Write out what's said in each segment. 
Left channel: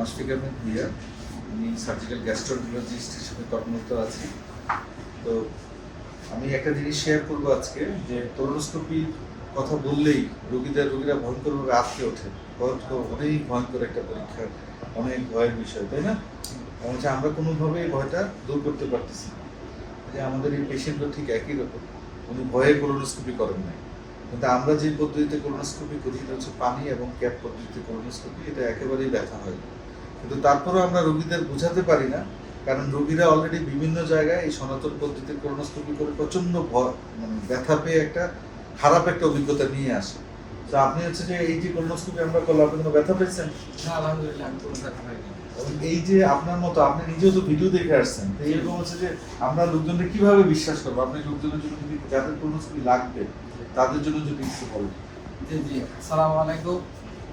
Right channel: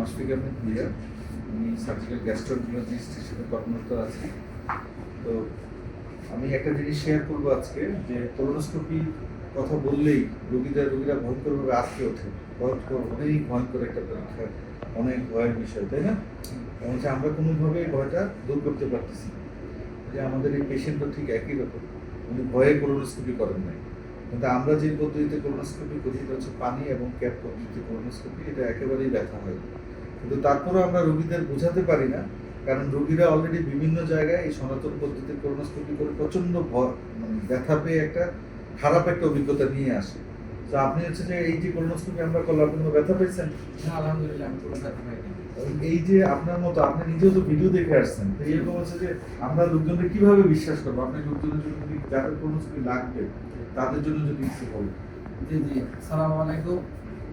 মাসফিক আহমেদ ভুইয়া আমি সার্জিক্যাল গ্যাস্ট্রোন্টোলজিস্ট হিসেবে কর্মরত আছি। তো আমি একটা জিনিস শেয়ার করব আজকে, যে কোলোনোস্কোপির কথা বললেই রোগীদের, রোগীরা ভয়ঙ্করভাবে আটকে ওঠে। ভয়ঙ্কর, অনেক ভয়ঙ্কর একটা পরীক্ষা, অনেক ভয়ের বিষয়, তাই না? হচ্ছে আমরা কোনোভাবে ভয়টা দূর করতে পারতেছি না। যে আমাদের এই পেশেন্টও ঠিক একই রকম, উনি ভয়ে কোলোনোস্কোপি করেন নাই। কিন্তু আমরা যে পদ্ধতিতে কোলোনোস্কোপি করি, এটা হচ্ছে পানি এবং ক্যাপ পদ্ধতিতে কোলোনোস্কোপি এটা একেবারেই ব্যথা হয়। কিন্তু তারপরেও আমরা রোগীদের বোঝাতে পারি না, কারণ রোগীরা অলরেডি বিভিন্ন জায়গায় এই সনাতন পদ্ধতিতে কোলোনোস্কোপি করে প্রচণ্ড ভয় মানে ব্যথা পেয়ে একটা খারাপ একটা অভিজ্ঞতা নিয়ে আসে। তো আপনি হচ্ছে যে এই যে কোলোনোস্কোপি আমরা করলাম কোনো ব্যথা পেয়েছেন? না, আলহামদুলিল্লাহ, আমি কোনো ব্যথা পাইনি। এই যে আপনার মতো, আপনি নিজেও তো ভিডিও দেখে আসছেন এরকম হচ্ছে যে আমরা লোকজনকে কীভাবে বিশ্বাস করব? আপনি লোকজনের জন্য যদি যাদের কোলোনোস্কোপি লাগবে, তাদের জন্য যদি একটু বলেন। জি জি, আসসালামু আলাইকুম।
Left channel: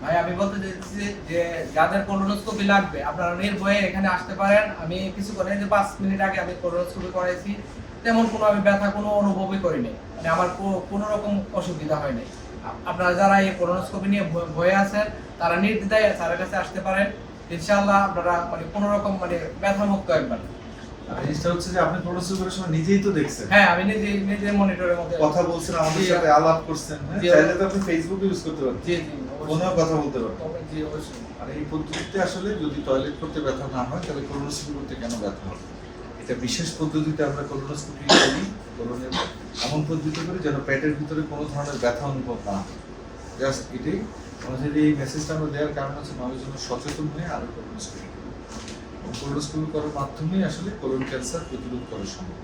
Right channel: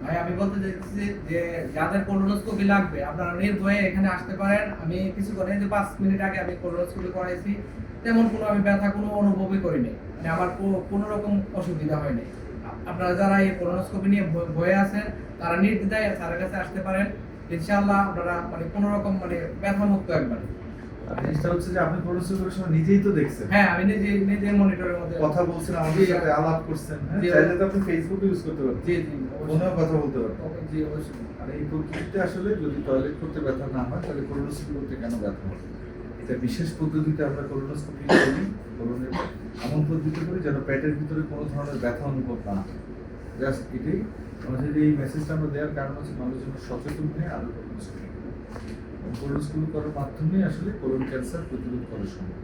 ভাই, আমি বলতে চাইছি যে যাদের কোলোনোস্কোপি লাগবে, আপনারা নির্ভয়ে এখানে আসতে পারেন। আমি কিছু করে যে পাঁচ মিনিট আগে আমি কোলোনোস্কোপি করাইছি, তেমন কোনো আমি ব্যথা কোনো অনুভবই করিনি। মানে আমার কোনো রকম অসুবিধা হয়নি। আপনারা যারা এই কোলোনোস্কোপি নিয়ে ভয়- ভয়ে আছেন, তারা নির্দ্বিধায় স্যারের কাছে আসতে পারেন। ইনশাআল্লাহ আপনারা মানে কোনো রকম মানে ব্যথা মুক্ত একবার জিনিসটা হচ্ছে যে আপনি কোলোনোস্কোপির সময় নিজেই তো দেখছেন। হ্যাঁ আমি নিজে নিজে মনিটরের মধ্যে কথা বলছেন আমাদের সাথে আলাপ করছেন। হ্যাঁ? চাইলে তো আপনি ফেসবুক ইউজ করতে পারেন জি জি ফোনেও কথা বলতে পারেন জি অবশ্যই। আর এই পদ্ধতিতে আসলে যদি টয়লেট করতে ব্যথা না হয় তাহলে কোলোনোস্কোপি করতে কেন ব্যথা হবে এটা বিশেষ পদ্ধতিতে আমরা কোলোনোস্কোপি করি কোলনের এমন পদ্ধতি করি যেন পেটের ভিতরে কোনো ধরনের ব্যথা অনুভব না হয়। জাস্ট এটাই। আমাদের এই মেসেজটা আমরা দেওয়ার কারণ হচ্ছে মানুষ যেন সচেতন হয়ে আরও কোলোনোস্কোপি কোলোনোস্কোপি করার মাধ্যমেই আসলে কোলন ক্যান্সার প্রতিরোধ করা সম্ভব।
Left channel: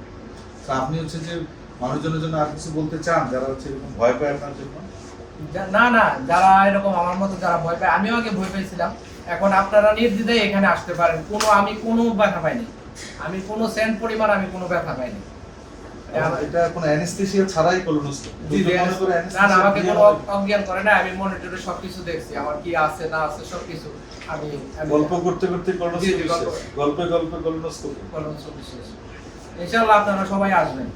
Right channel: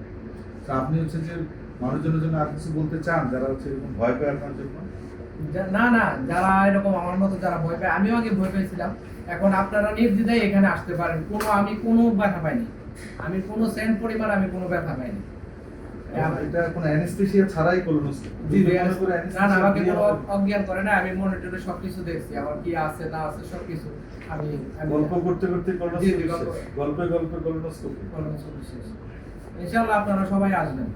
তা আপনি হচ্ছে যে মানুষজনের জন্য আর কিছু বলতে চান? যারা হচ্ছে এরকম ভয় পায় আপনার জন্য? না না, যারা এরকম আমার মতো যারা ভয় পায়, আমিও আগে ভয় পেয়েছিলাম। এখন আপনারা নির্দ্বিধায় এখানে আসতে পারেন। কোনো, আমি কোনো ব্যথা পাইনি। আমি কোনো সেন্ট পরিমাণ আমি কোনো ব্যথা পাইনি। এটা কোনো অ্যানেস্থেসিয়া ছাড়াই কোলোনোস্কোপি জি, জি, করে না না আমাকে anesthesia কোনো অজ্ঞান করে না আমি মনিটরে সবকিছু দেখছি আমার কি আছে না আছে সবকিছু আমি গল্প করতে করতে জি, জি, কোলোনোস্কোপি গল্প। শেষ। গল্পে গল্পে কোলোনোস্কোপি ইনশাআল্লাহ আপনারা সবাই আসবেন।